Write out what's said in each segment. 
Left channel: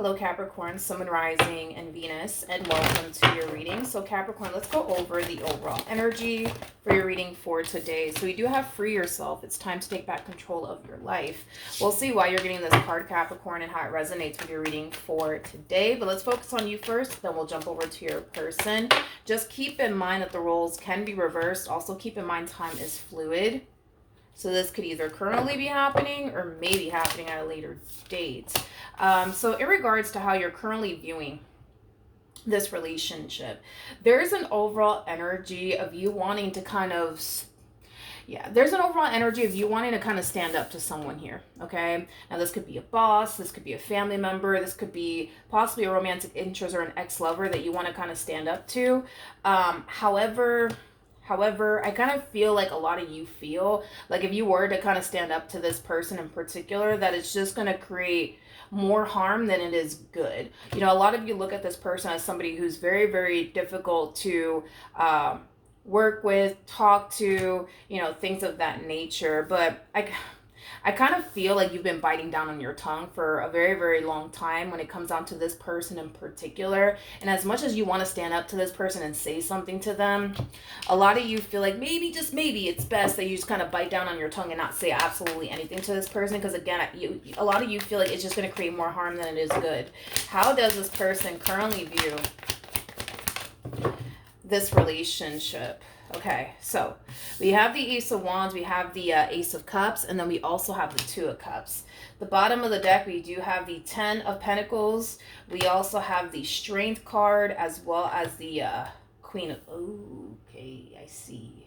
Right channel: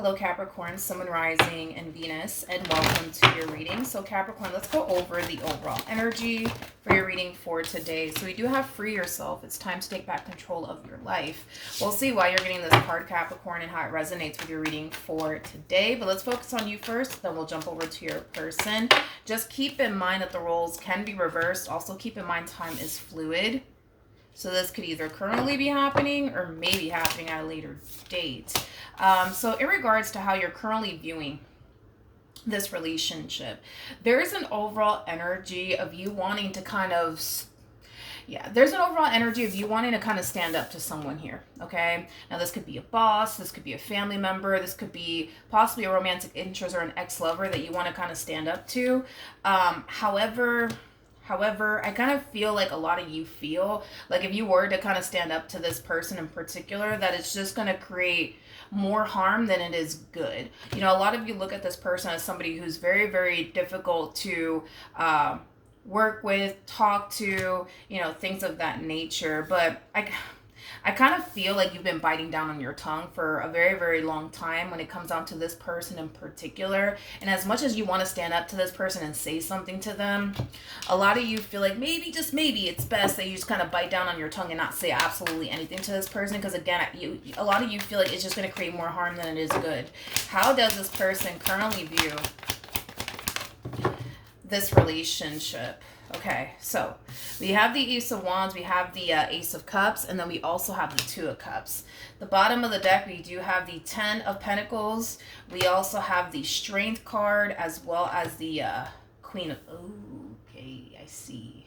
Hello Capricorn, Sun, Moon, Rising, and Venus, and welcome to your reading. So Capricorn, let's go over the overall energy for your reading for today. So we do have free yourself. It's time to take back control of your life. We'll see why you're getting this card, Capricorn, and how it resonates with your reading for today. But let's focus on you first, then we'll jump over to your person. Just keep in mind that the roles can be reversed. Also keep in mind time is fluid. So this could either currently be happening or maybe happening at a later date. So in regards to how you're currently viewing this relationship, there's an overall energy of you wanting to kind of, there's an overall energy of you wanting to kind of stand up to someone here, okay? Now this could be a boss, this could be a family member, this could be possibly a romantic interest or an ex-lover that you want to kind of stand up to. However, I kind of feel like a lot of you feel like if you were to kind of stand up to this person in particular, that it's just going to create more harm than it is good. You know, a lot of you look at this person as somebody who's very, very difficult to work with, talk to, you know, things of that nature. But I kind of feel like you've been biting down on your tongue for a very, very long time when it comes down to this person in particular. And as much as you want to stand up to this person and say something to them, a lot of you feel like maybe, just maybe, it's best that you just kind of bite down on your tongue and not say absolutely anything to this person. Because again, a lot of you feel like it's just going to create more harm than it is good. How does this person currently view this relationship? Okay, so we have the Ace of Wands, we have the Ace of Cups, and then we also have the Two of Cups. The bottom of the deck, we do have the Ten of Pentacles. We also have the Strength card as well as the Queen of... Okay, I see.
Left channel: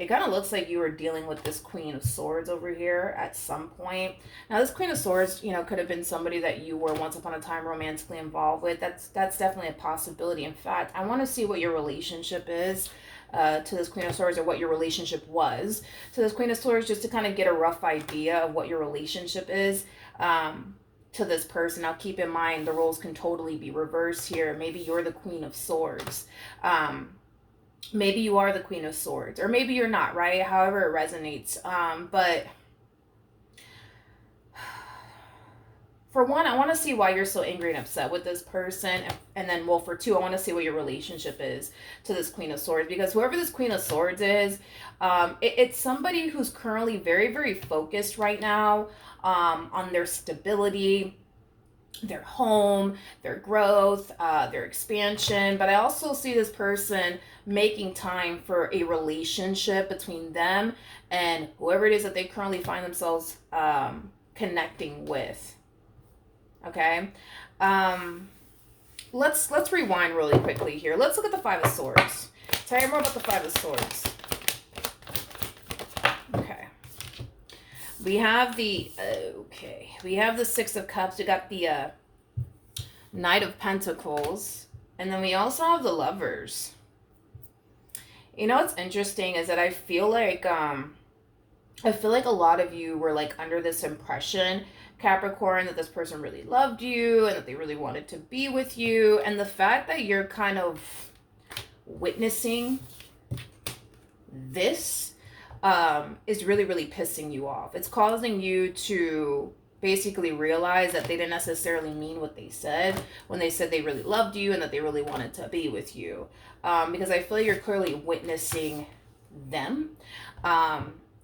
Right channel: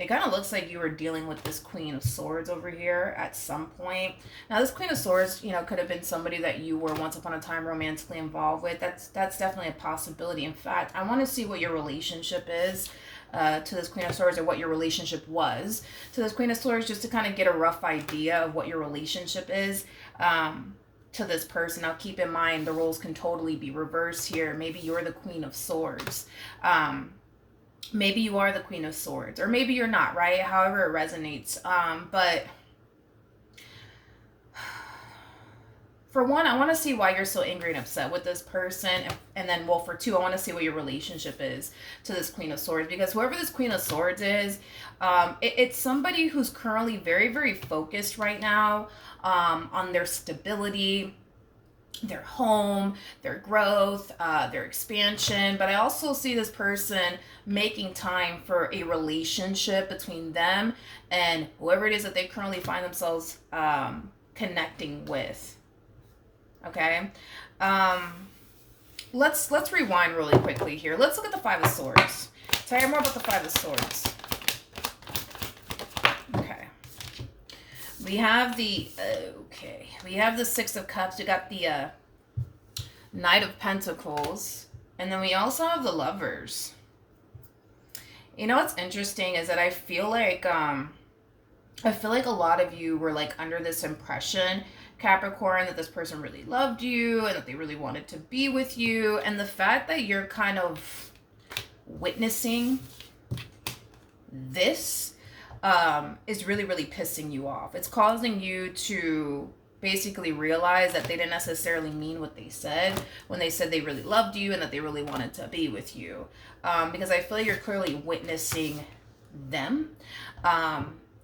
It kind of looks like you were dealing with this Queen of Swords over here at some point. Now, this Queen of Swords, you know, could have been somebody that you were once upon a time romantically involved with. That's definitely a possibility. In fact, I want to see what your relationship is to this Queen of Swords, or what your relationship was to this Queen of Swords, just to kind of get a rough idea of what your relationship is to this person. Now, keep in mind, the roles can totally be reversed here. Maybe you're the Queen of Swords. Maybe you are the Queen of Swords, or maybe you're not, right? However it resonates. But for one, I want to see why you're so angry and upset with this person. And then, well, for two, I want to see what your relationship is to this Queen of Swords. Because whoever this Queen of Swords is, it's somebody who's currently very, very focused right now on their stability, their home, their growth, their expansion. But I also see this person making time for a relationship between them and whoever it is that they currently find themselves connecting with. Okay, let's rewind really quickly here. Let's look at the Five of Swords. Tell me more about the Five of Swords. Okay, we have the Six of Cups. We got the Knight of Pentacles, and then we also have the Lovers. You know what's interesting is that I feel like a lot of you were like under this impression, Capricorn, that this person really loved you and that they really wanted to be with you. And the fact that you're kind of witnessing this is really, really pissing you off. It's causing you to basically realize that they didn't necessarily mean what they said when they said they really loved you and that they really wanted to be with you. Because I feel like you're clearly witnessing them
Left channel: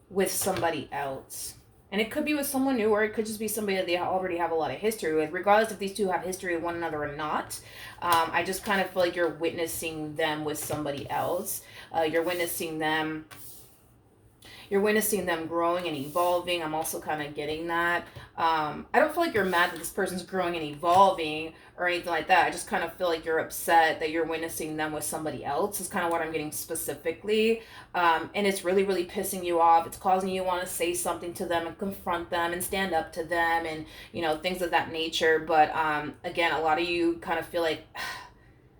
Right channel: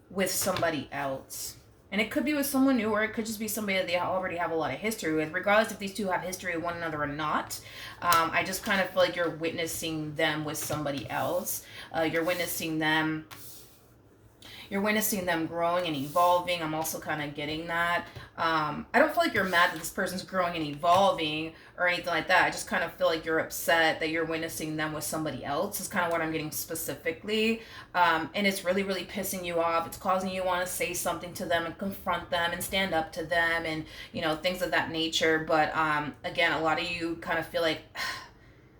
with somebody else. And it could be with someone new, or it could just be somebody that they already have a lot of history with. Regardless if these two have history with one another or not, I just kind of feel like you're witnessing them with somebody else. You're witnessing them growing and evolving. I'm also kind of getting that. I don't feel like you're mad that this person's growing and evolving or anything like that. I just kind of feel like you're upset that you're witnessing them with somebody else is kind of what I'm getting specifically. And it's really, really pissing you off. It's causing you to want to say something to them and confront them and stand up to them and, you know, things of that nature. But again, a lot of you kind of feel like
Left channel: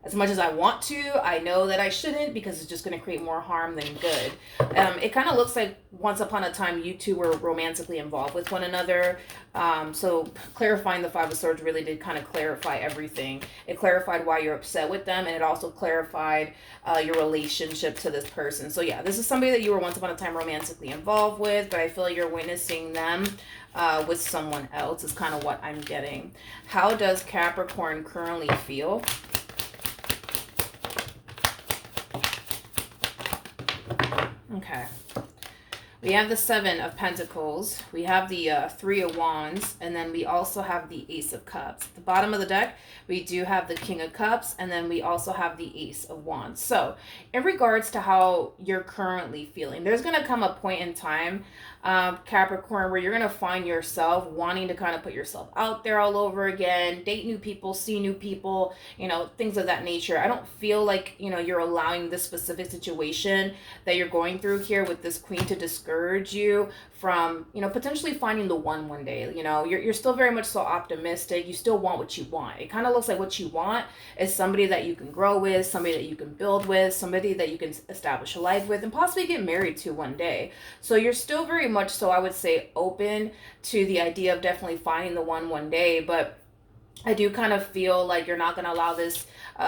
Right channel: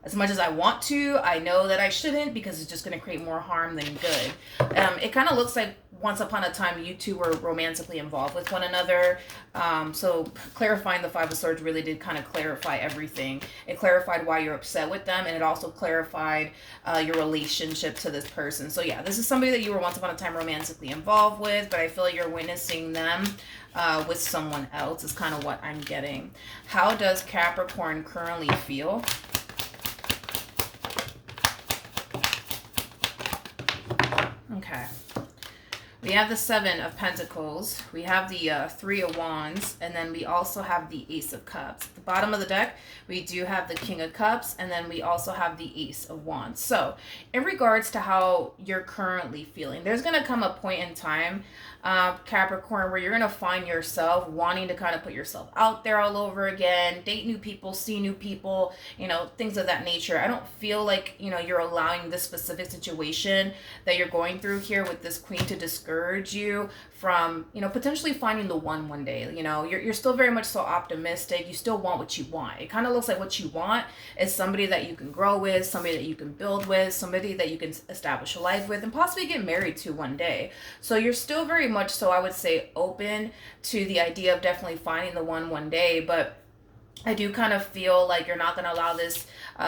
as much as I want to, I know that I shouldn't because it's just going to create more harm than good. It kind of looks like once upon a time you two were romantically involved with one another. So clarifying the Five of Swords really did kind of clarify everything. It clarified why you're upset with them, and it also clarified your relationship to this person. So yeah, this is somebody that you were once upon a time romantically involved with, but I feel like you're witnessing them with someone else is kind of what I'm getting. How does Capricorn currently feel? Okay. We have the Seven of Pentacles. We have the Three of Wands. And then we also have the Ace of Cups. At the bottom of the deck, we do have the King of Cups. And then we also have the Ace of Wands. So, in regards to how you're currently feeling, there's going to come a point in time, Capricorn, where you're going to find yourself wanting to kind of put yourself out there all over again, date new people, see new people, you know, things of that nature. I don't feel like, you know, you're allowing this specific situation that you're going through here with this Queen to discourage you from, you know, potentially finding the one day. You know, you're still very much so optimistic. You still want what you want. It kind of looks like what you want is somebody that you can grow with, somebody that you can build with, somebody that you can establish a life with, and possibly get married to one day. So you're still very much so, I would say, open to the idea of definitely finding the one day, but I do kind of feel like you're not going to allow this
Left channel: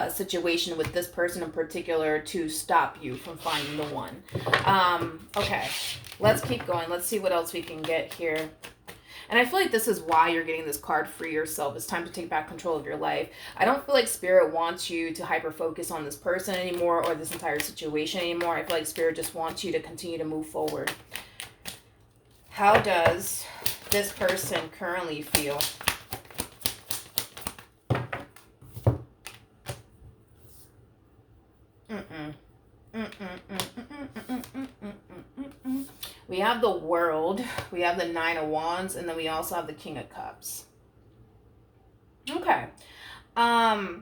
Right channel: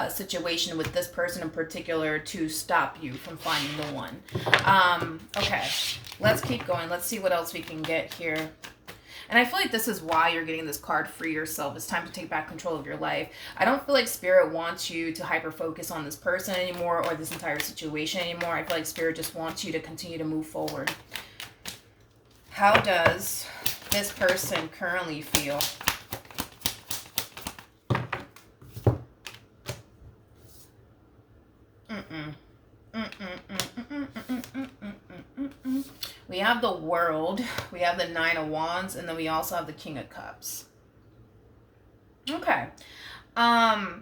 situation with this person in particular to stop you from finding the one. Okay, let's keep going. Let's see what else we can get here. And I feel like this is why you're getting this card, Free Yourself. It's time to take back control of your life. I don't feel like Spirit wants you to hyper-focus on this person anymore or this entire situation anymore. I feel like Spirit just wants you to continue to move forward. How does this person currently feel? We have the World, we have the Nine of Wands, and then we also have the King of Cups. Okay.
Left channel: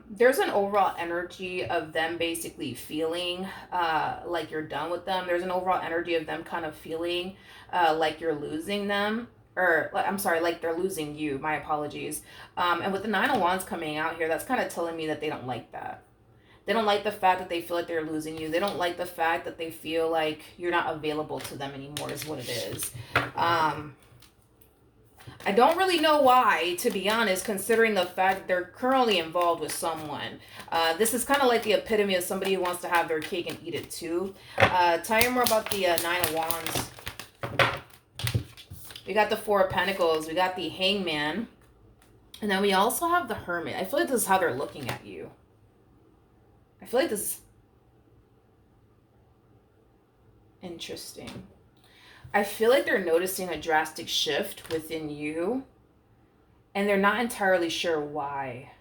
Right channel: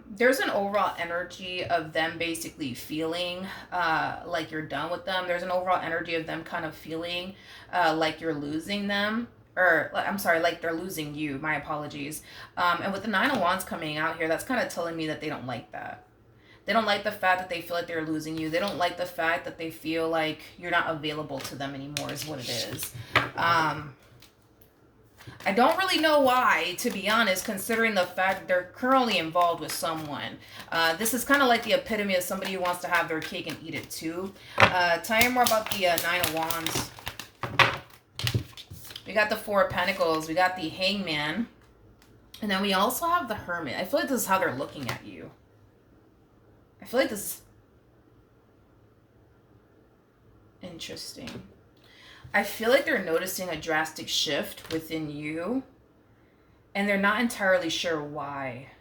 There's an overall energy of them basically feeling like you're done with them. There's an overall energy of them kind of feeling like you're losing them. Or, I'm sorry, like they're losing you. My apologies. And with the Nine of Wands coming out here, that's kind of telling me that they don't like that. They don't like the fact that they feel like they're losing you. They don't like the fact that they feel like you're not available to them anymore is what it is. I don't really know why, to be honest, considering the fact that they're currently involved with someone. This is kind of like the epitome of somebody who wants to have their cake and eat it too. Tell you more about the Nine of Wands. We got the Four of Pentacles. We got the Hangman. And then we also have the Hermit. I feel like this is how they're looking at you. I feel like this is interesting. I feel like they're noticing a drastic shift within you, and they're not entirely sure why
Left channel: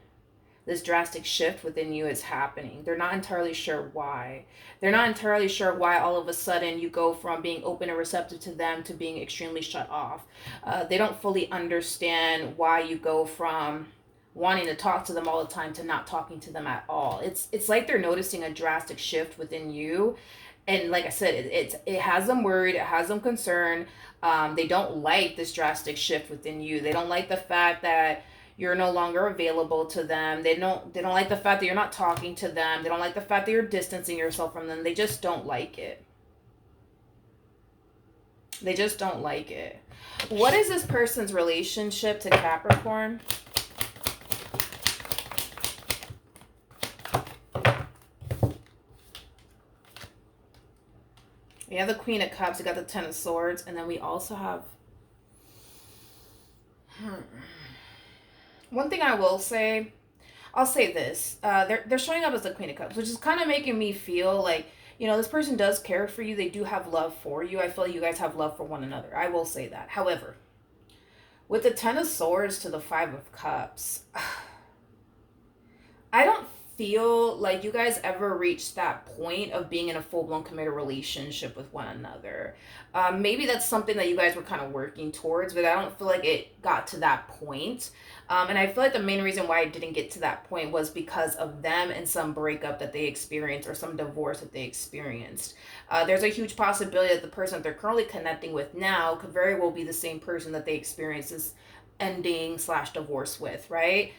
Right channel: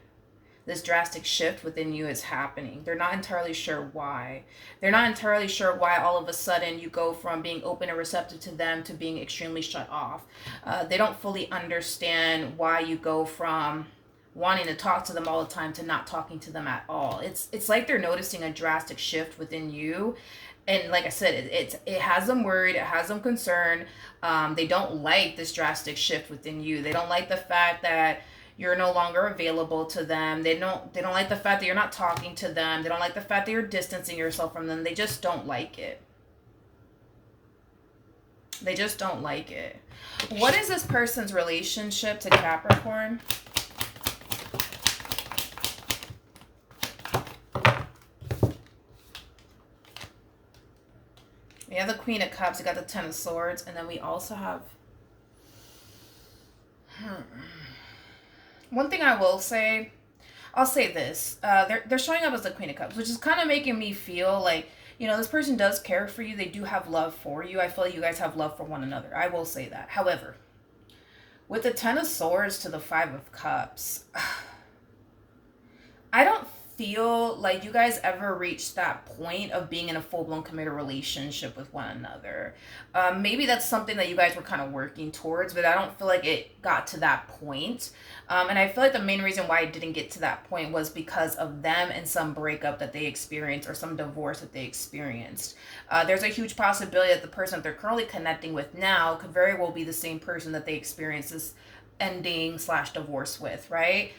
this drastic shift within you is happening. They're not entirely sure why. They're not entirely sure why all of a sudden you go from being open and receptive to them to being extremely shut off. They don't fully understand why you go from wanting to talk to them all the time to not talking to them at all. It's like they're noticing a drastic shift within you. And like I said, it has them worried, it has them concerned. They don't like this drastic shift within you. They don't like the fact that you're no longer available to them. They don't like the fact that you're not talking to them. They don't like the fact that you're distancing yourself from them. They just don't like it. They just don't like it. What is this person's relationship to Capricorn? We have the Queen of Cups, we got the Ten of Swords, and then we also have... One thing I will say, I'll say this. They're showing up as the Queen of Cups, which is kind of making me feel like, you know, this person does care for you. They do have love for you. I feel like you guys have love for one another. I will say that. However, with the Ten of Swords to the Five of Cups, I don't feel like you guys ever reached that point of being in a full-blown committed relationship with one another. Maybe that's something that you guys were kind of working towards, but I don't feel like it got to that point. And I feel like the main reason why it didn't get to that point was because of them and some breakup that they experienced or some divorce that they experienced. There's a huge possibility that the person that they're currently connecting with now could very well be the same person that they experienced this ending / divorce with, right?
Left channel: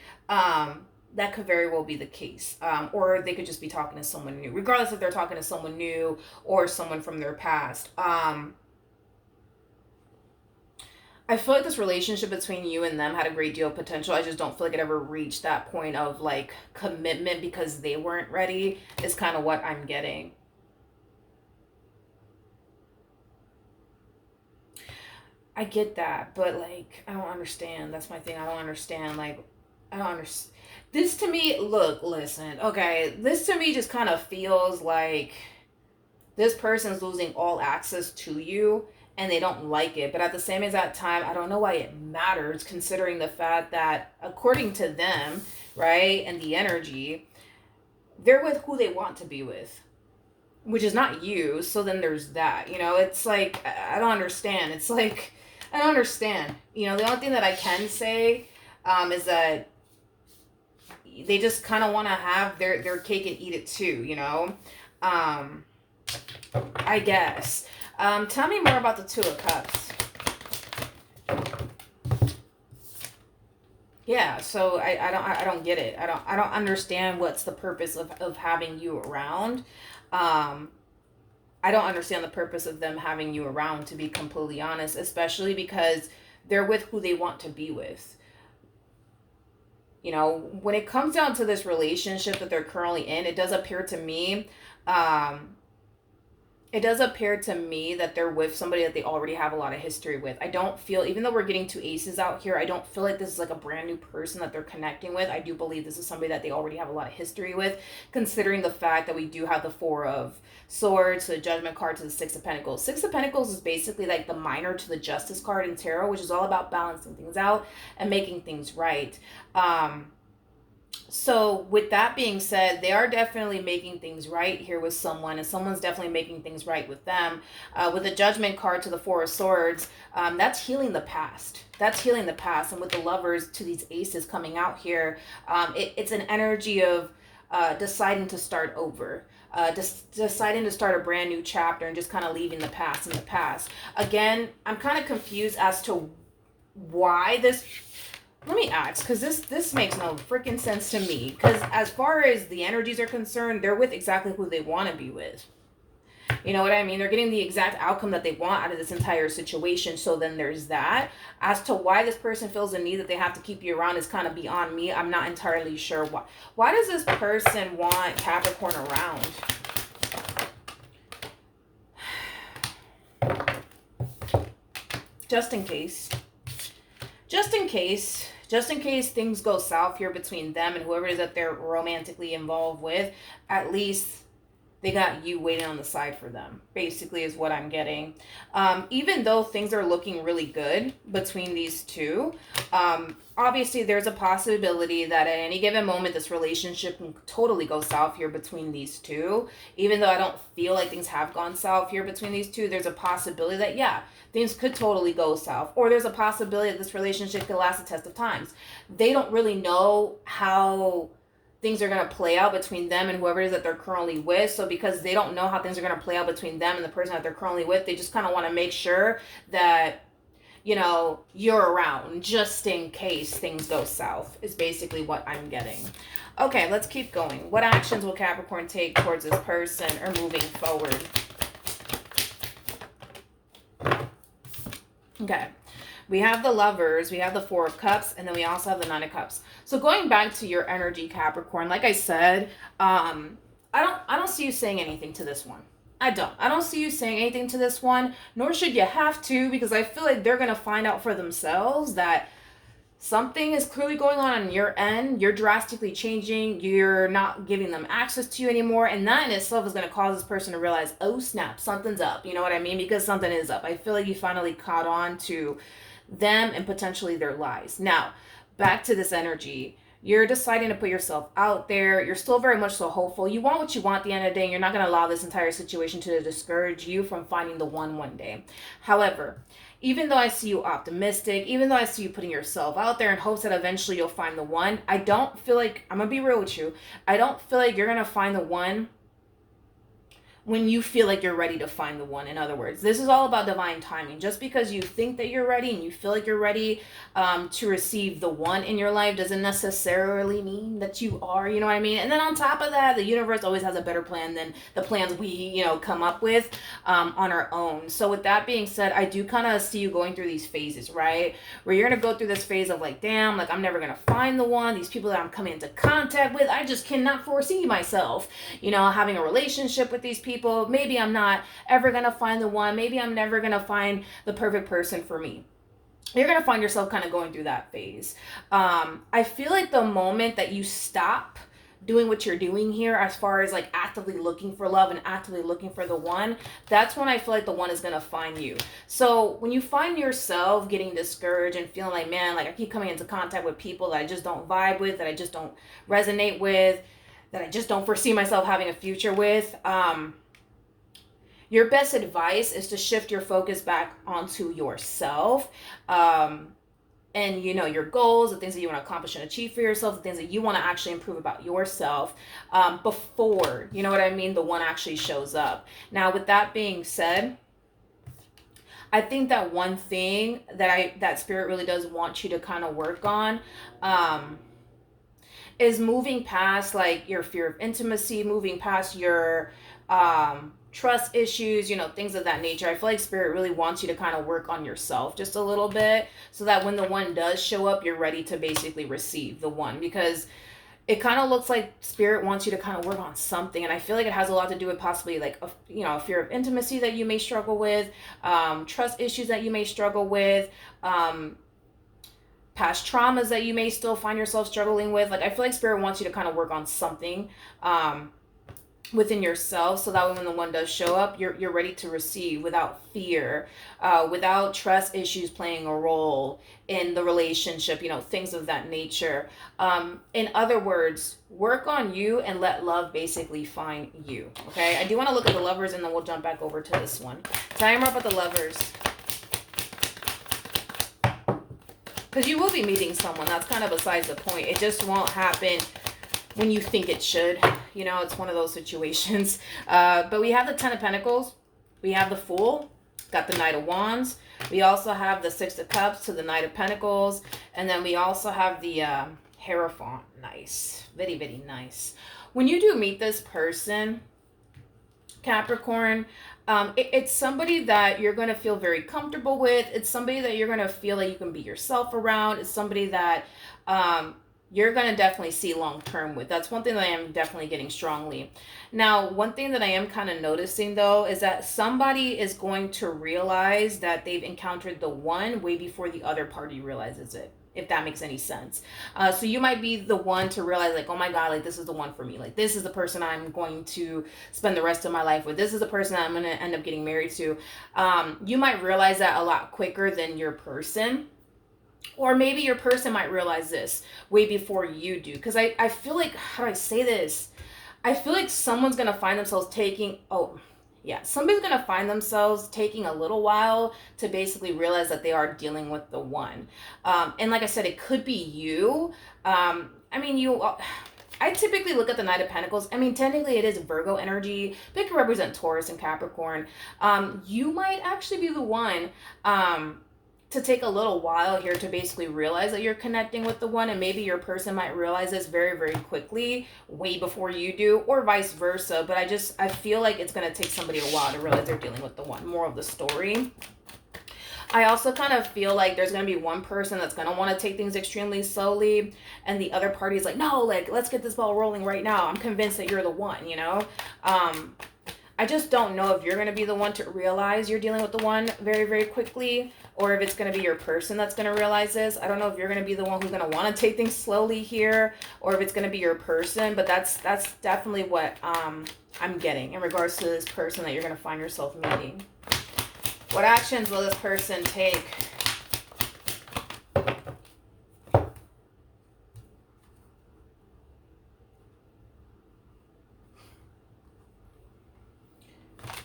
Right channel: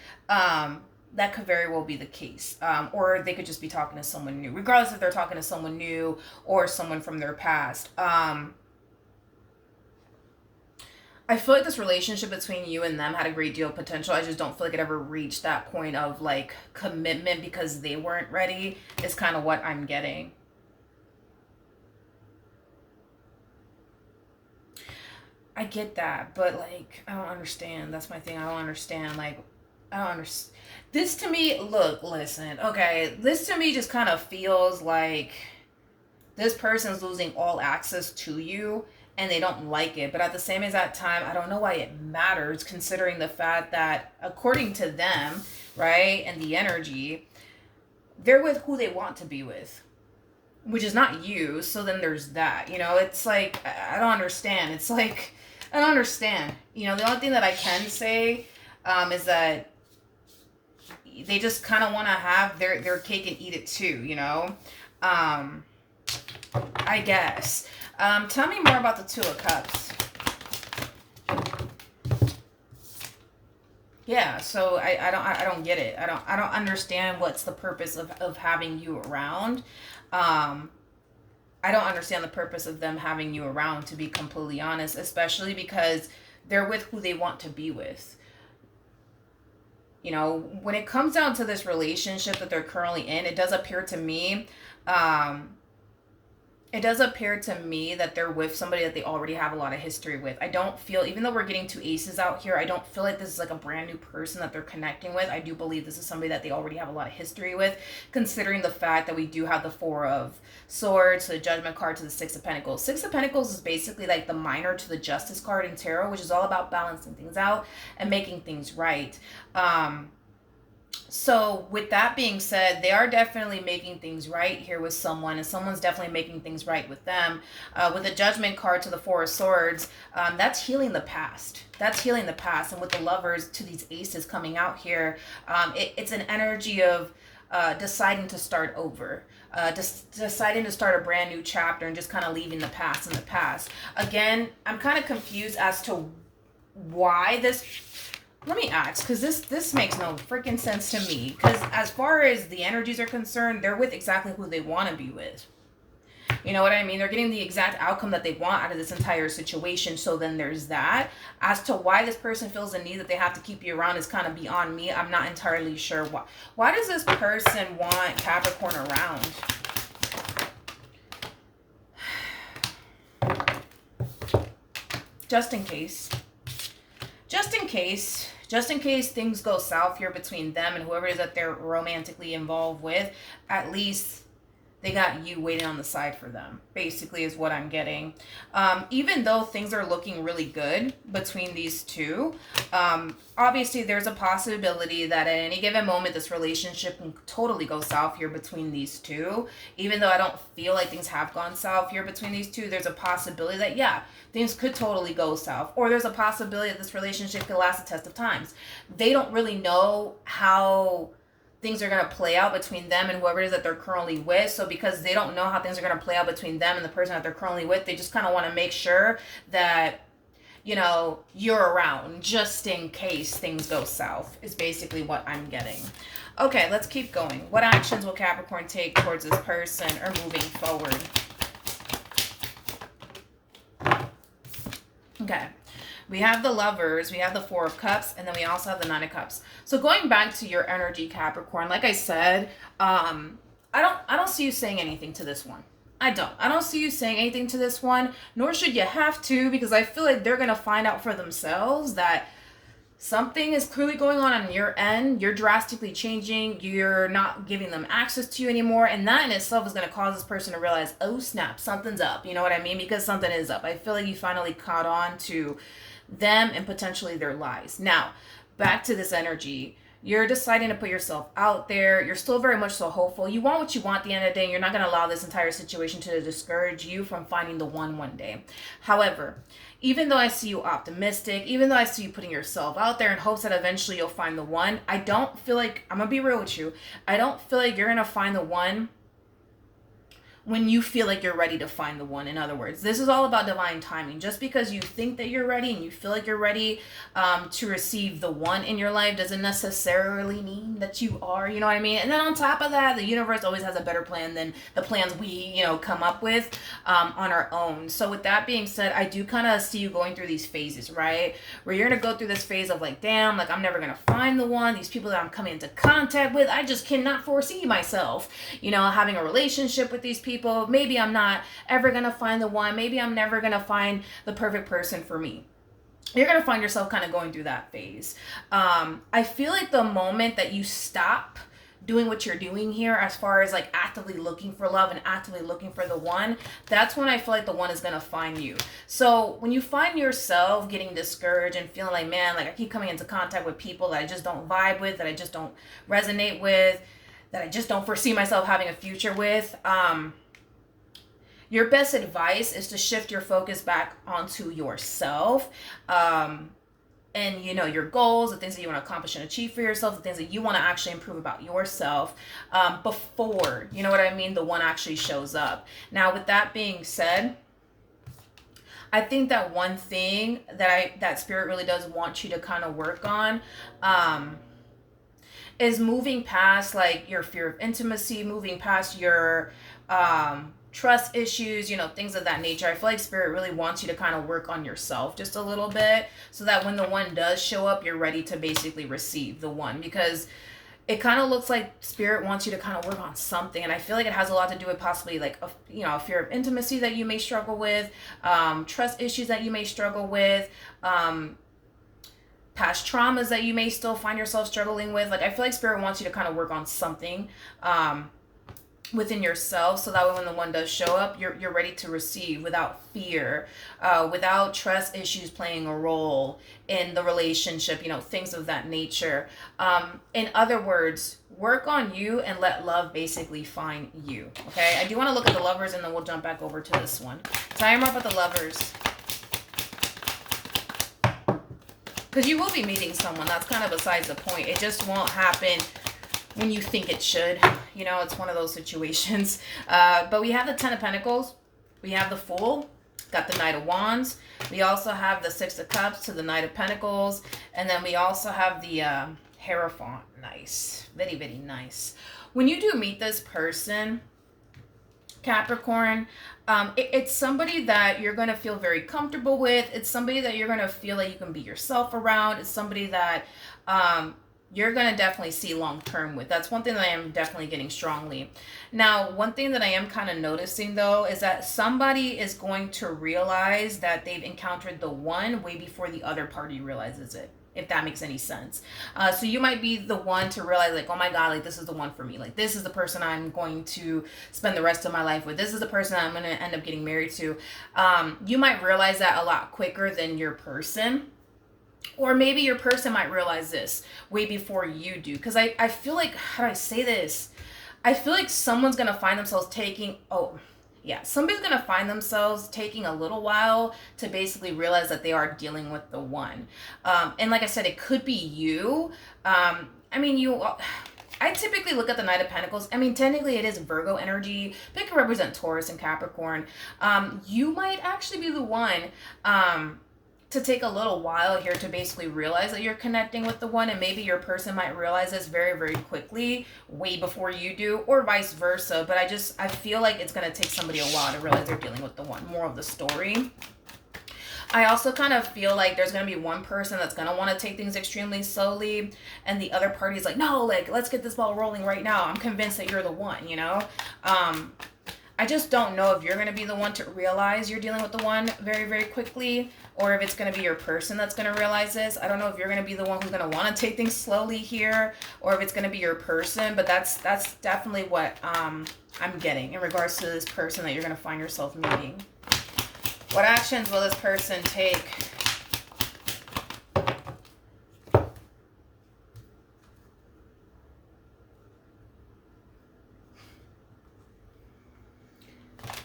that could very well be the case. Or they could just be talking to someone new, regardless if they're talking to someone new or someone from their past. I feel like this relationship between you and them had a great deal of potential. I just don't feel like it ever reached that point of like commitment because they weren't ready, is kind of what I'm getting. I get that, but like, I don't understand. That's my thing. I don't understand. Like, I don't understand. This to me, look, listen, okay, this to me just kind of feels like this person's losing all access to you and they don't like it. But at the same exact time, I don't know why it matters considering the fact that according to them, right, and the energy, they're with who they want to be with, which is not you. So then there's that, it's like, I don't understand. It's like, I don't understand. The only thing that I can say is that they just kind of want to have their cake and eat it too, I guess. Tell me more about the Two of Cups. Yeah, so I don't get it. I don't understand what's the purpose of having you around. I don't understand the purpose of them having you around, to be completely honest, especially because they're with who they want to be with. When it comes down to this relationship that they're currently in, it does appear to me that they're with somebody that they already have a lot of history with. I don't feel, even though we're getting two aces out here, I don't feel like this is like a brand new person that they're connecting with. I do believe this is somebody that they already have a lot of history with, considering the fact that we do have the Four of Swords, the Judgment card, to the Six of Pentacles. Six of Pentacles is basically like the minor to the Justice card in tarot, which is all about balancing things out and making things right. So with that being said, they are definitely making things right here with someone, and someone's definitely making things right with them. With the Judgment card to the Four of Swords, that's healing the past. That's healing the past. And with the Lovers to these aces coming out here, it's an energy of deciding to start over. Deciding to start a brand new chapter and just kind of leaving the past in the past. Again, I'm kind of confused as to why this... Let me ask, because this makes no freaking sense to me. Because as far as the energies are concerned, they're with exactly who they want to be with. You know what I mean? They're getting the exact outcome that they want out of this entire situation. So then there's that. As to why this person feels the need that they have to keep you around is kind of beyond me. I'm not entirely sure why. Why does this person want Capricorn around? Just in case. Just in case. Just in case things go south here between them and whoever it is that they're romantically involved with, at least they got you waiting on the side for them, basically is what I'm getting. Even though things are looking really good between these two, obviously there's a possibility that at any given moment this relationship can totally go south here between these two. Even though I don't feel like things have gone south here between these two, there's a possibility that, yeah, things could totally go south. Or there's a possibility that this relationship could last a test of times. They don't really know how things are going to play out between them and whoever it is that they're currently with. So because they don't know how things are going to play out between them and the person that they're currently with, they just kind of want to make sure that, you're around just in case things go south, is basically what I'm getting. Okay, let's keep going. What actions will Capricorn take towards this person or moving forward? Okay, we have the Lovers, we have the Four of Cups, and then we also have the Nine of Cups. So going back to your energy, Capricorn, like I said, I don't see you saying anything to this one. I don't see you saying anything to this one, nor should you have to, because I feel like they're going to find out for themselves that something is clearly going on your end. You're drastically changing. You're not giving them access to you anymore. And that in itself is going to cause this person to realize, oh, snap, something's up. You know what I mean? Because something is up. I feel like you finally caught on to them and potentially their lies. Now, back to this energy. You're deciding to put yourself out there. You're still very much so hopeful. You want what you want at the end of the day. And you're not going to allow this entire situation to discourage you from finding the one day. However, even though I see you optimistic, even though I see you putting yourself out there in hopes that eventually you'll find the one, I don't feel like, I'm going to be real with you, I don't feel like you're going to find the one when you feel like you're ready to find the one. In other words, this is all about divine timing. Just because you think that you're ready and you feel like you're ready to receive the one in your life doesn't necessarily mean that you are, you know what I mean? And then on top of that, the universe always has a better plan than the plans we, come up with on our own. So with that being said, I do kind of see you going through these phases, right? Where you're going to go through this phase of like, damn, like I'm never going to find the one. These people that I'm coming into contact with, I just cannot foresee myself, having a relationship with these people. Maybe I'm not ever going to find the one. Maybe I'm never going to find the perfect person for me. You're going to find yourself kind of going through that phase. I feel like the moment that you stop doing what you're doing here, as far as like actively looking for love and actively looking for the one, that's when I feel like the one is going to find you. So when you find yourself getting discouraged and feeling like, man, like I keep coming into contact with people that I just don't vibe with, that I just don't resonate with, that I just don't foresee myself having a future with, your best advice is to shift your focus back onto yourself. And your goals, the things that you want to accomplish and achieve for yourself, the things that you want to actually improve about yourself, before, the one actually shows up. Now, with that being said, I think that one thing that Spirit really does want you to kind of work on, is moving past like your fear of intimacy, moving past your trust issues, things of that nature. I feel like Spirit really wants you to kind of work on yourself just a little bit, so that when the one does show up, you're ready to basically receive the one. Because it kind of looks like Spirit wants you to kind of work on something, and I feel like it has a lot to do with possibly like a fear of intimacy that you may struggle with, trust issues that you may struggle with, past traumas that you may still find yourself struggling with. Like I feel like Spirit wants you to kind of work on something within yourself, so that when the one does show up, you're ready to receive without fear, without trust issues playing a role in the relationship, things of that nature. In other words, work on you and let love basically find you. Okay, I do want to look at the Lovers, and then we'll jump back over to this one. Tie them up with the Lovers, because you will be meeting someone. That's kind of besides the point. It just won't happen when you think it should. It's one of those situations. But we have the Ten of Pentacles. We have the Fool. Got the Knight of Wands. We also have the Six of Cups to the Knight of Pentacles. And then we also have the Hierophant. Nice. Very, very nice. When you do meet this person, Capricorn, it's somebody that you're going to feel very comfortable with. It's somebody that you're going to feel like you can be yourself around. It's somebody that you're going to definitely see long term with. That's one thing that I am definitely getting strongly. Now, one thing that I am kind of noticing though is that somebody is going to realize that they've encountered the one way before the other party realizes it, if that makes any sense. So you might be the one to realize like, oh my God, like this is the one for me. Like this is the person I'm going to spend the rest of my life with. This is the person I'm going to end up getting married to. You might realize that a lot quicker than your person. Or maybe your person might realize this way before you do. Because I feel like, how do I say this? I feel like someone's going to find themselves somebody's going to find themselves taking a little while to basically realize that they are dealing with the one. And like I said, it could be you. I typically look at the Knight of Pentacles. Technically it is Virgo energy. But it can represent Taurus and Capricorn. You might actually be the one to take a little while here to basically realize that you're connecting with the one, and maybe your person might realize this very, very quickly, way before you do, or vice versa. But I feel like it's going to take somebody a while to realize they're dealing with the one. More of the story. I also kind of feel like there's going to be one person that's going to want to take things extremely slowly, and the other party is like, no, like, let's get this ball rolling right now. I'm convinced that you're the one, I just don't know if you're going to be the one to realize you're dealing with the one very, very quickly, or if it's going to be your person that's going to realize this. I don't know if you're going to be the one who's going to want to take things slowly here, or if it's going to be your person, but that's definitely what I'm getting in regards to this person that you're going to find yourself meeting. What actions will this person take?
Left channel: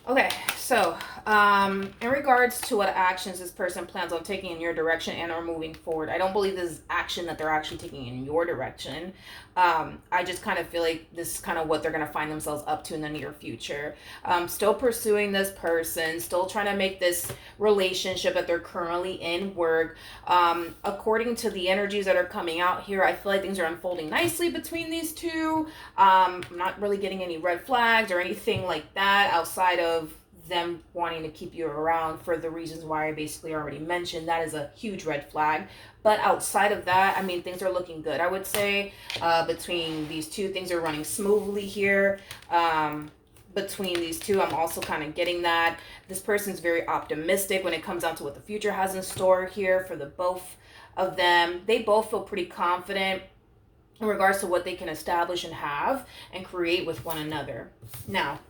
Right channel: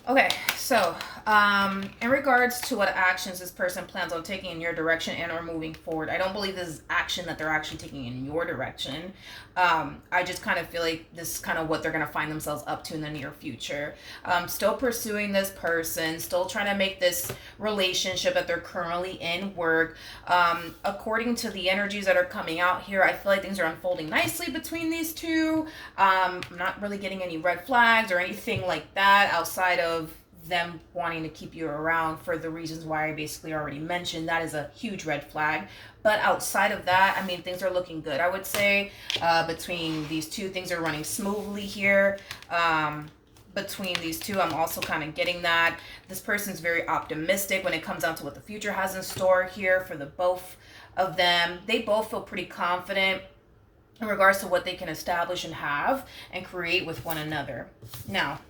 Okay, so In regards to what actions this person plans on taking in your direction and or moving forward, I don't believe this is action that they're actually taking in your direction. I just kind of feel like this is kind of what they're going to find themselves up to in the near future. Still pursuing this person, still trying to make this relationship that they're currently in work. According to the energies that are coming out here, I feel like things are unfolding nicely between these two. I'm not really getting any red flags or anything like that outside of them wanting to keep you around for the reasons why I basically already mentioned. That is a huge red flag. But outside of that, I mean, things are looking good. I would say between these two, things are running smoothly here. Between these two, I'm also kind of getting that this person's very optimistic when it comes down to what the future has in store here for the both of them. They both feel pretty confident in regards to what they can establish and have and create with one another. Now,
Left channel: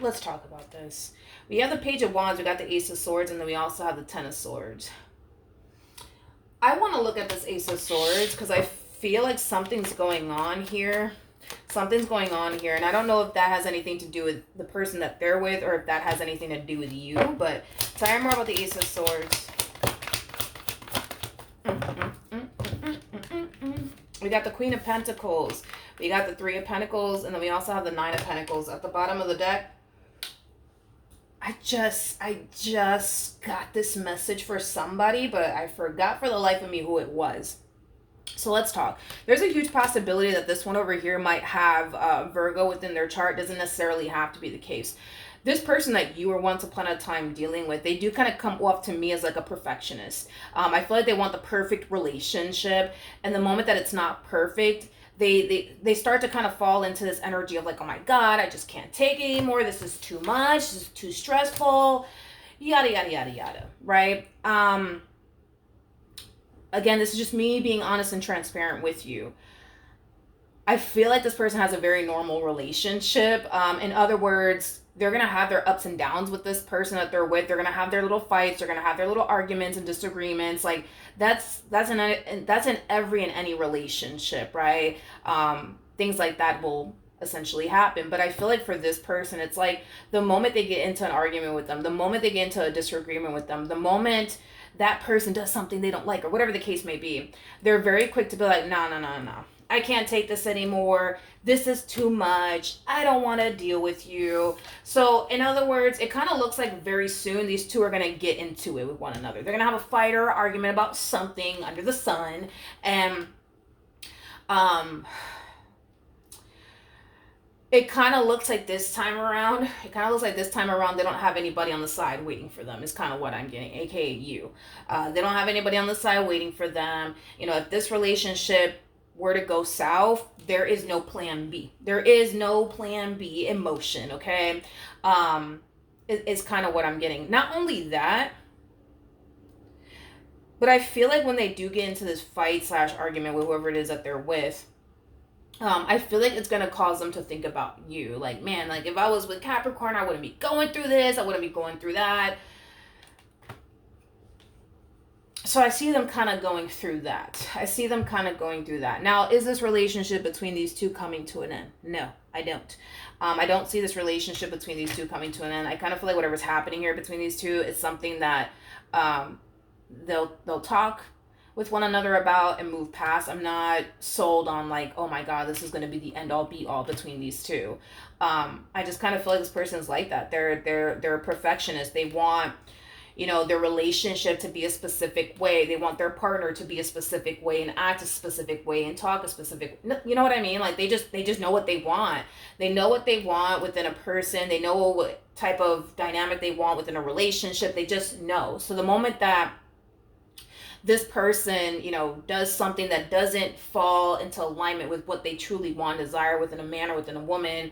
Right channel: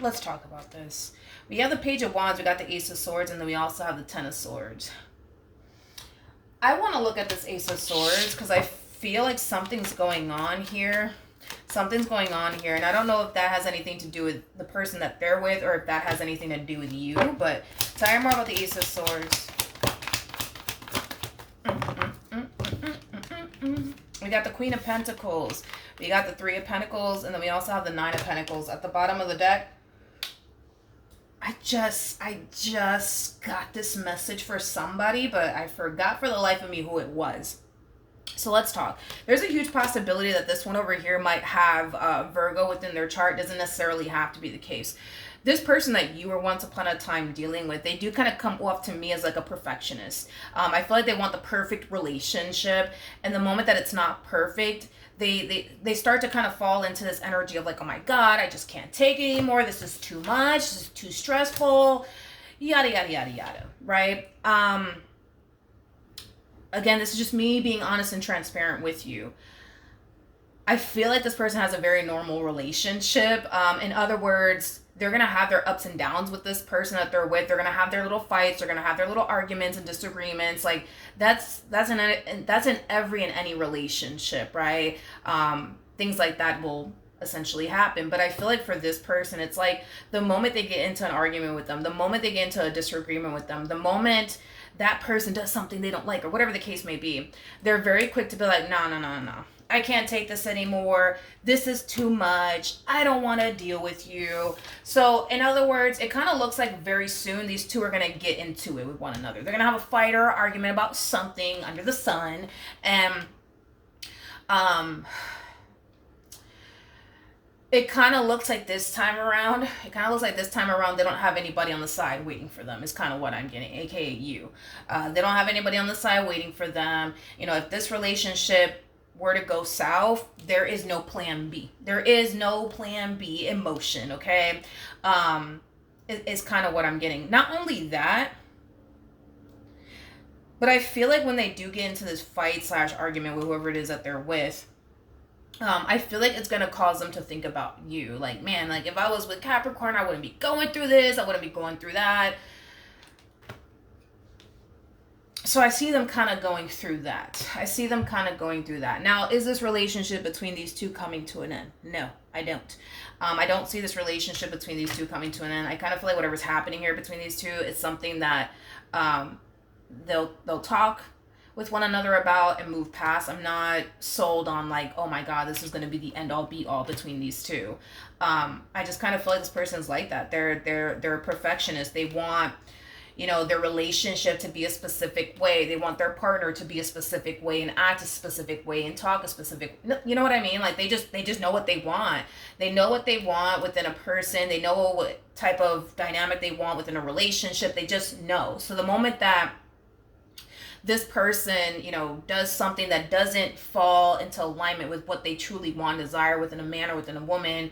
let's talk about this. We have the Page of Wands, we got the Ace of Swords, and then we also have the Ten of Swords. I want to look at this Ace of Swords because I feel like something's going on here. Something's going on here, and I don't know if that has anything to do with the person that they're with or if that has anything to do with you, but tell me more about the Ace of Swords. We got the Queen of Pentacles. We got the Three of Pentacles, and then we also have the Nine of Pentacles at the bottom of the deck. I just got this message for somebody, but I forgot for the life of me who it was. So let's talk. There's a huge possibility that this one over here might have Virgo within their chart. Doesn't necessarily have to be the case. This person that you were once upon a time dealing with, they do kind of come off to me as like a perfectionist. I feel like they want the perfect relationship, and the moment that it's not perfect, they start to kind of fall into this energy of like, oh my God, I just can't take it anymore. This is too much. This is too stressful. Yada, yada, yada, yada. Right? Again, this is just me being honest and transparent with you. I feel like this person has a very normal relationship. In other words, they're going to have their ups and downs with this person that they're with. They're going to have their little fights. They're going to have their little arguments and disagreements. Like that's in every and any relationship, right? Things like that will essentially happen. But I feel like for this person, it's like the moment they get into an argument with them, the moment they get into a disagreement with them, the moment that person does something they don't like or whatever the case may be, they're very quick to be like, no. I can't take this anymore. This is too much. I don't want to deal with you. So in other words, it kind of looks like very soon these two are going to get into it with one another. They're going to have a fight or argument about something under the sun. And it kind of looks like this time around, they don't have anybody on the side waiting for them is kind of what I'm getting, aka you. They don't have anybody on the side waiting for them. You know, if this relationship were to go south, there is no plan B. There is no plan B in motion, okay? It's kind of what I'm getting. Not only that, but I feel like when they do get into this fight / argument with whoever it is that they're with, I feel like it's going to cause them to think about you. Like, man, like if I was with Capricorn, I wouldn't be going through this. I wouldn't be going through that. So I see them kind of going through that. Now, is this relationship between these two coming to an end? No, I don't. I don't see this relationship between these two coming to an end. I kind of feel like whatever's happening here between these two is something that they'll talk with one another about and move past. I'm not sold on like, oh my God, this is going to be the end all be all between these two. I just kind of feel like this person's like that. They're a perfectionist. They want, you know, their relationship to be a specific way. They want their partner to be a specific way and act a specific way and talk a specific, you know what I mean? Like they just know what they want. They know what they want within a person. They know what type of dynamic they want within a relationship. They just know. So the moment that this person, you know, does something that doesn't fall into alignment with what they truly want, desire within a man or within a woman,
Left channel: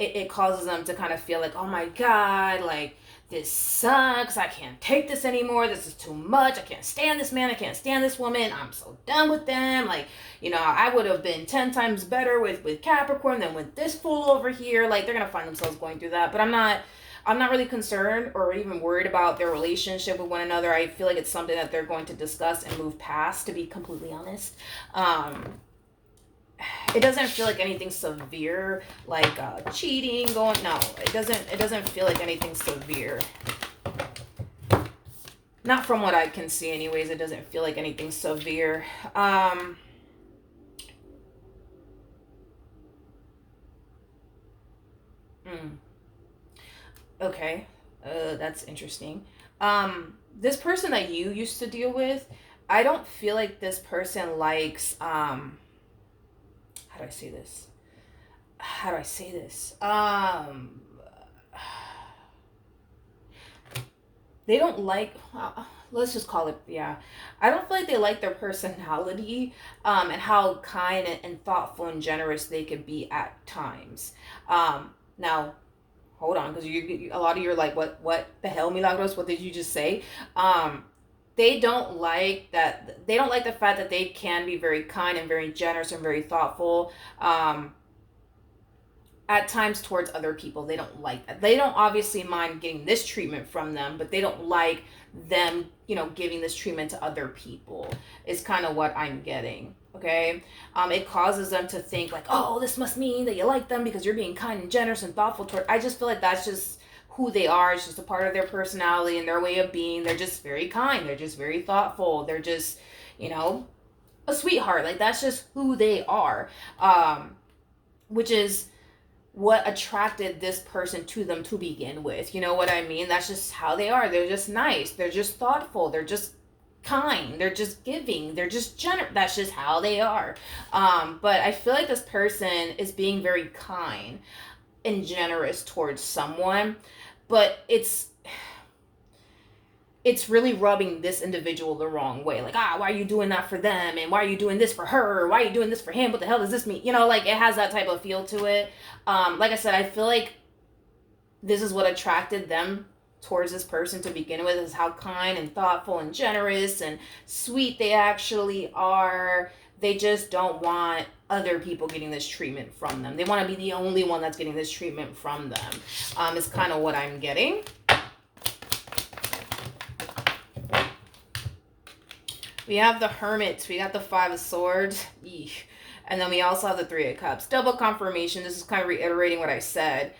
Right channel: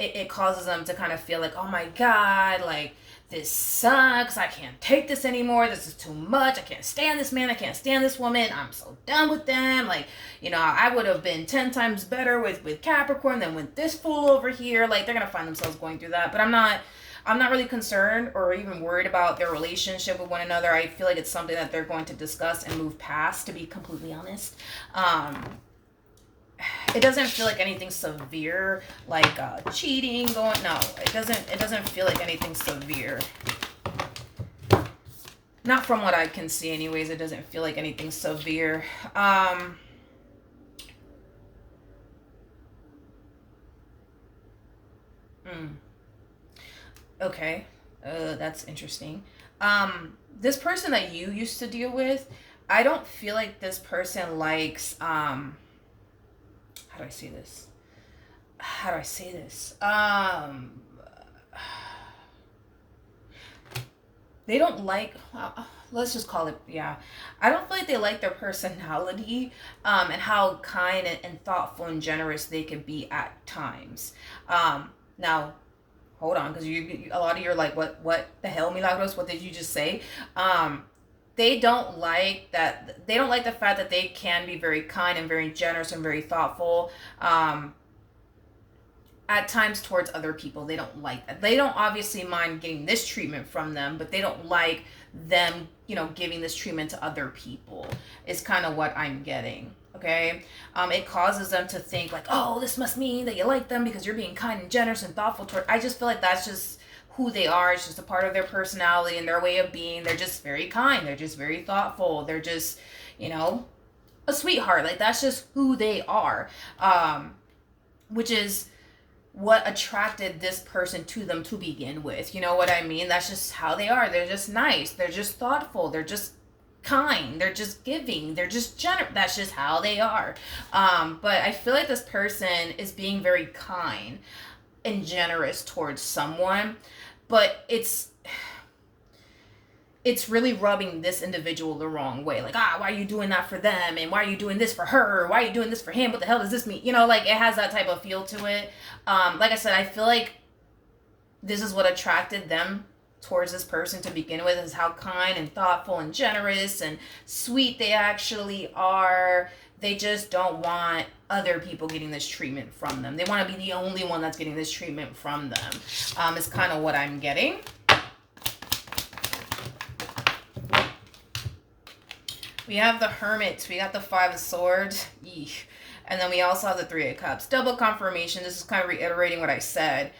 it causes them to kind of feel like, oh my God, like, this sucks. I can't take this anymore. This is too much. I can't stand this man. I can't stand this woman. I'm so done with them. Like, you know, I would have been 10 times better with Capricorn than with this fool over here. Like, they're going to find themselves going through that. But I'm not really concerned or even worried about their relationship with one another. I feel like it's something that they're going to discuss and move past, to be completely honest. it doesn't feel like anything severe, like cheating going. No, it doesn't feel like anything severe. Not from what I can see, anyways. It doesn't feel like anything severe. Okay, that's interesting. This person that you used to deal with, I don't feel like this person likes. How do I say this? How do I say this? They don't like. Let's just call it. Yeah, I don't feel like they like their personality, and how kind and thoughtful and generous they could be at times. Now hold on, because a lot of you are like, what the hell, Milagros, what did you just say? They don't like that. They don't like the fact that they can be very kind and very generous and very thoughtful, at times towards other people. They don't like that. They don't obviously mind getting this treatment from them, but they don't like them, giving this treatment to other people, is kind of what I'm getting. Okay. It causes them to think like, oh, this must mean that you like them because you're being kind and generous and thoughtful toward. I just feel like that's just who they are. It's just a part of their personality and their way of being. They're just very kind. They're just very thoughtful. They're just, a sweetheart. Like, that's just who they are. Which is what attracted this person to them to begin with. You know what I mean? That's just how they are. They're just nice. They're just thoughtful. They're just kind. They're just giving. They're just generous. That's just how they are. But I feel like this person is being very kind and generous towards someone, but it's really rubbing this individual the wrong way. Like, why are you doing that for them? And why are you doing this for her? Why are you doing this for him? What the hell does this mean? Like, it has that type of feel to it. Like I said, I feel like this is what attracted them towards this person to begin with, is how kind and thoughtful and generous and sweet they actually are. They just don't want other people getting this treatment from them. They want to be the only one that's getting this treatment from them. Is kind of what I'm getting. We have the Hermit. We got the Five of Swords. Eesh. And then we also have the Three of Cups. Double confirmation. This is kind of reiterating what I said.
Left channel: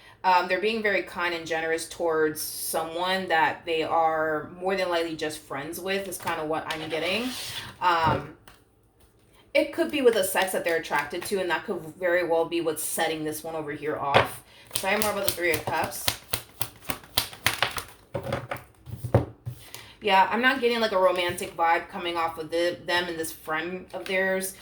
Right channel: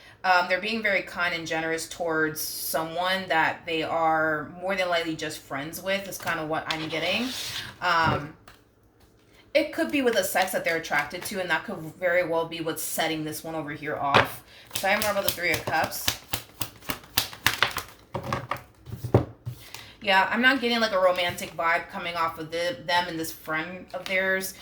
They're being very kind and generous towards someone that they are more than likely just friends with, is kind of what I'm getting. It could be with a sex that they're attracted to, and that could very well be what's setting this one over here off. Tell me more about the Three of Cups. Yeah, I'm not getting like a romantic vibe coming off of them and this friend of theirs.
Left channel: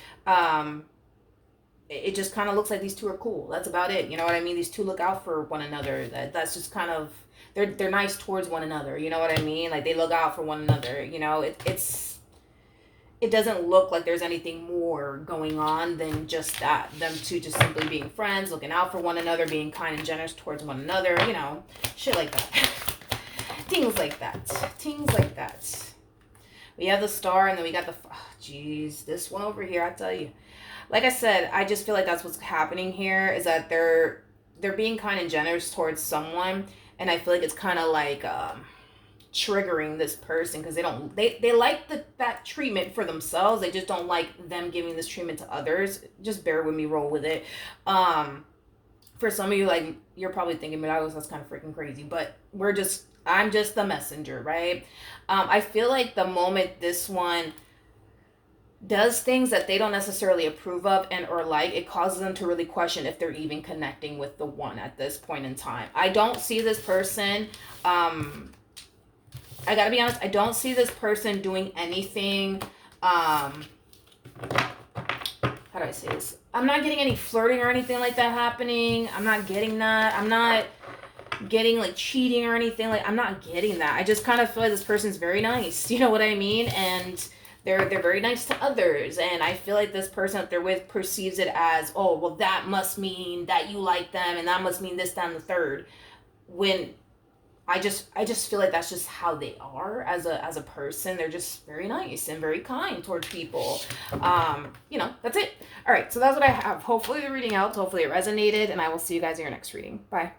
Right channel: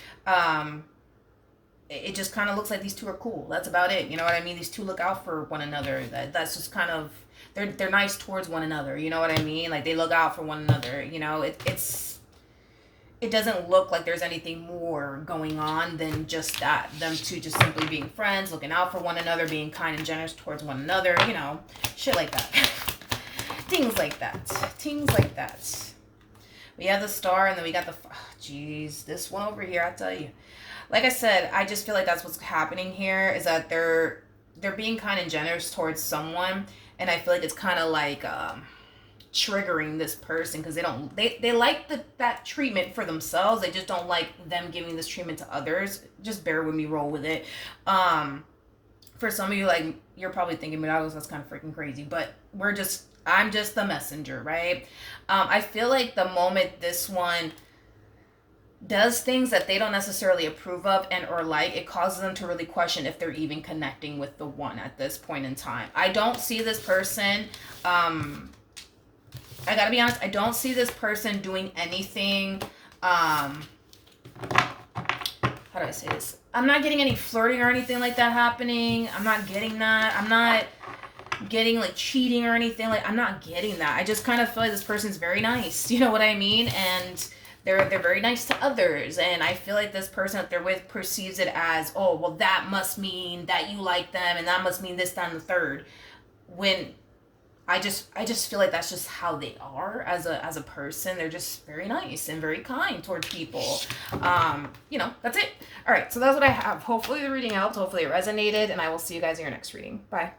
It just kind of looks like these two are cool. That's about it. You know what I mean? These two look out for one another. That's just kind of, they're nice towards one another. You know what I mean? Like, they look out for one another. It doesn't look like there's anything more going on than just that. Them two just simply being friends, looking out for one another, being kind and generous towards one another. Shit like that. Things like that. Things like that. We have the Star, and then we got the... Jeez, this one over here, I tell you. Like I said, I just feel like that's what's happening here, is that they're being kind and generous towards someone, and I feel like it's kind of like triggering this person, because they like that treatment for themselves. They just don't like them giving this treatment to others. Just bear with me, roll with it. For some of you, like, you're probably thinking, that's kind of freaking crazy, but I'm just the messenger, right? I feel like the moment this one does things that they don't necessarily approve of and or like, it causes them to really question if they're even connecting with the one at this point in time. I don't see this person, I gotta be honest, I don't see this person doing anything, how do I say this? I'm not getting any flirting or anything like that happening. I'm not getting that. I'm not getting like cheating or anything. Like, I'm not getting that. I just kind of feel like this person's very nice. You know what I mean? And they're very nice to others. And I feel like this person that they're with perceives it as, oh, well, that must mean that you like them, and that must mean this, that, and the third. When I just feel like that's just how they are as a person. They're just very nice and very kind towards people. That's it. All right, so that's what I have. Hopefully the reading helped. Hopefully it resonated, and I will see you guys in your next reading. Bye.